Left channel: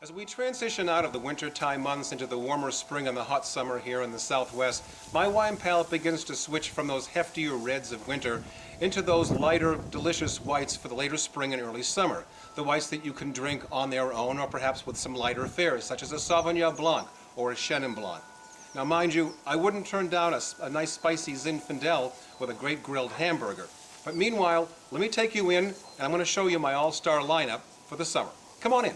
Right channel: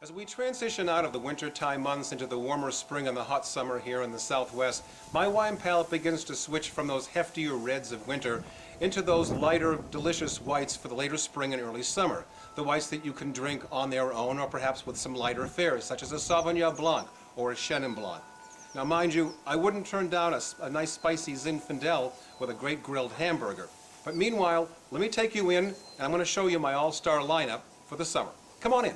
As we transition out of the wintertime months into the warmer spring and the hot summer here in the Southwest, my wine palate begins to switch from those heftier reds of winter into those lighter, delicious whites for the later spring and early summer. The whites that you can drink on their own or perhaps with some lighter fares, such as a Sauvignon Blanc or a Chenin Blanc. Now mind you, I wouldn't turn down a nice spicy Zinfandel with a great grilled hamburger. But meanwhile, let me take you in and I'm going to show you my all-star lineup for the summer. Come on in.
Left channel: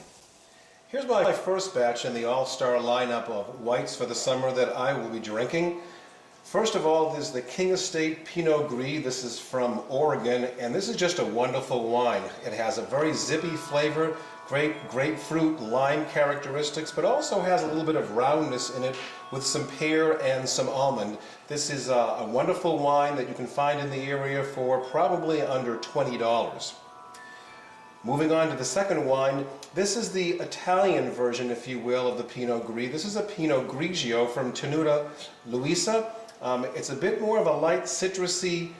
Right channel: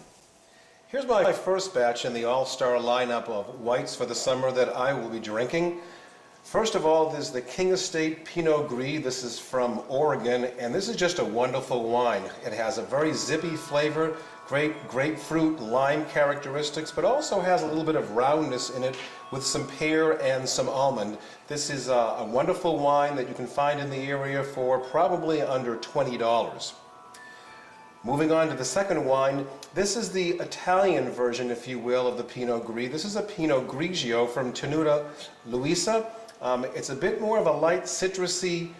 Here's my first batch in the all-star lineup of whites for the summer that I will be drinking. First of all, there's the King Estate Pinot Gris. This is from Oregon, and this is just a wonderful wine. It has a very zippy flavor, great grapefruit, lime characteristics, but also has a little bit of roundness in it with some pear and some almond. This is a wonderful wine that you can find in the area for probably under $20. Moving on to the second wine, this is the Italian version, if you will, of the Pinot Gris. This is a Pinot Grigio from Tenuta Luisa. It's a bit more of a light citrusy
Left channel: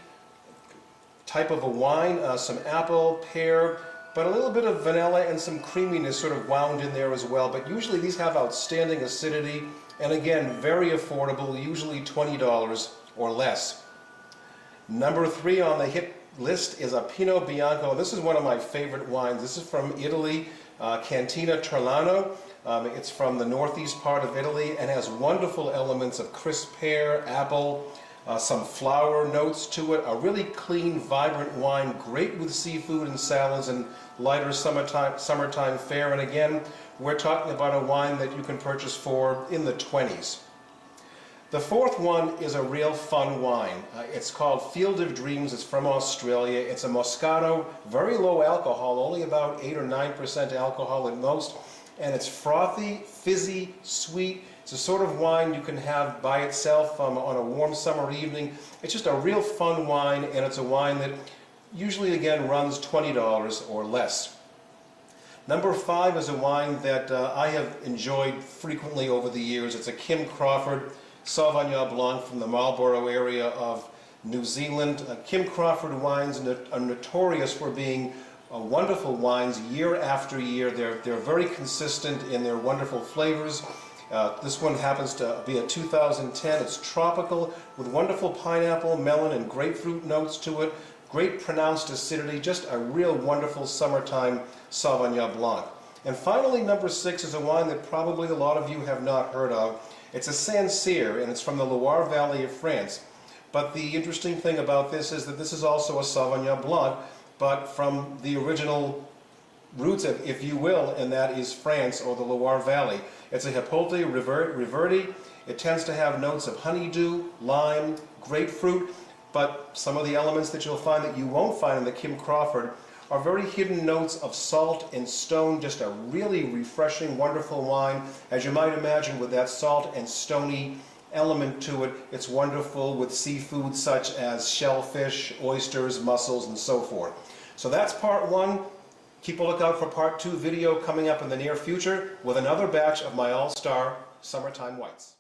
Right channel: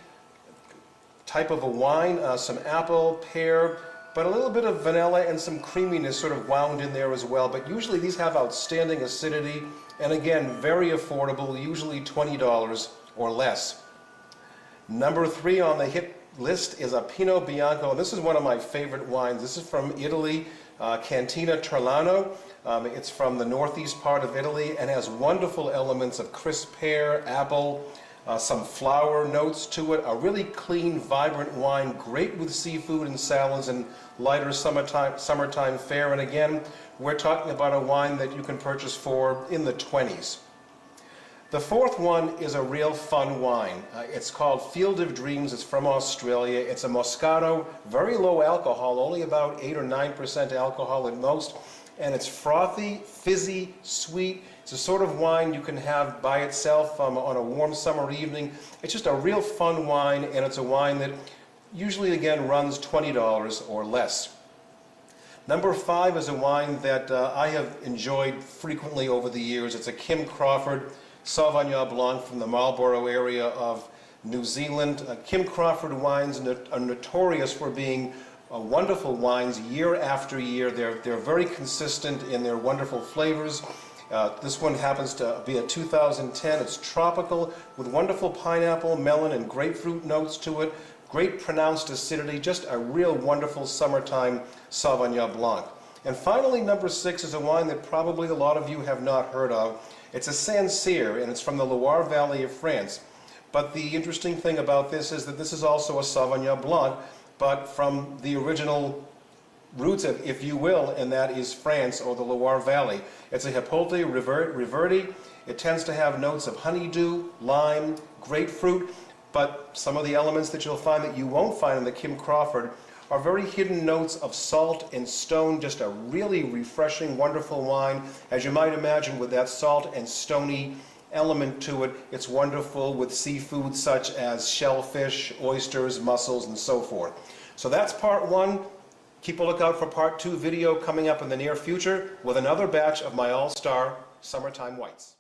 type of a wine, some apple, pear, but a little bit of vanilla and some creaminess sort of wound in there as well. But usually these have outstanding acidity, and again, very affordable, usually $20 or less. Number 3 on the hit list is a Pinot Bianco. This is one of my favorite wines. This is from Italy, Cantina Turlano. It's from the northeast part of Italy and has wonderful elements of crisp pear, apple, some flower notes to it. A really clean, vibrant wine, great with seafood and salads and lighter summertime fare. And again, we're talking about a wine that you can purchase for in the 20s. The fourth one is a real fun wine. It's called Field of Dreams. It's from Australia. It's a Moscato, very low alcohol, only about 8 or 9% alcohol at most. And it's frothy, fizzy, sweet. It's a sort of wine you can have by itself on a warm summer evening. It's just a real fun wine, and it's a wine that usually, again, runs $20 or less. Number 5 is a wine that I have enjoyed frequently over the years. It's a Kim Crawford Sauvignon Blanc from the Marlborough area of New Zealand. Kim Crawford wines are notorious for being wonderful wines year after year. They're very consistent in their wonderful flavors. This one happens to be a 2010. It's tropical with wonderful pineapple, melon, and grapefruit notes to it. Great pronounced acidity, just a real wonderful summertime Sauvignon Blanc. And finally, number 6 is a wine that probably a lot of you have not heard of. It's a Sancerre, and it's from the Loire Valley of France. But the interesting thing about this is that this is also a Sauvignon Blanc, but from the original roots, if you will, and that is France or the Loire Valley. It's a Hippolyte Reverdi. It tends to have notes of honeydew, lime, grapefruit, but some of the elements that you'll find that you won't find in the Kim Crawford are very hidden notes of salt and stone. Just a really refreshing, wonderful wine. As you might imagine, with that salt and stony element to it, it's wonderful with seafood such as shellfish, oysters, mussels, and so forth. So that's part 1. Keep a lookout for part 2 video coming up in the near future with another batch of my all-star summertime whites.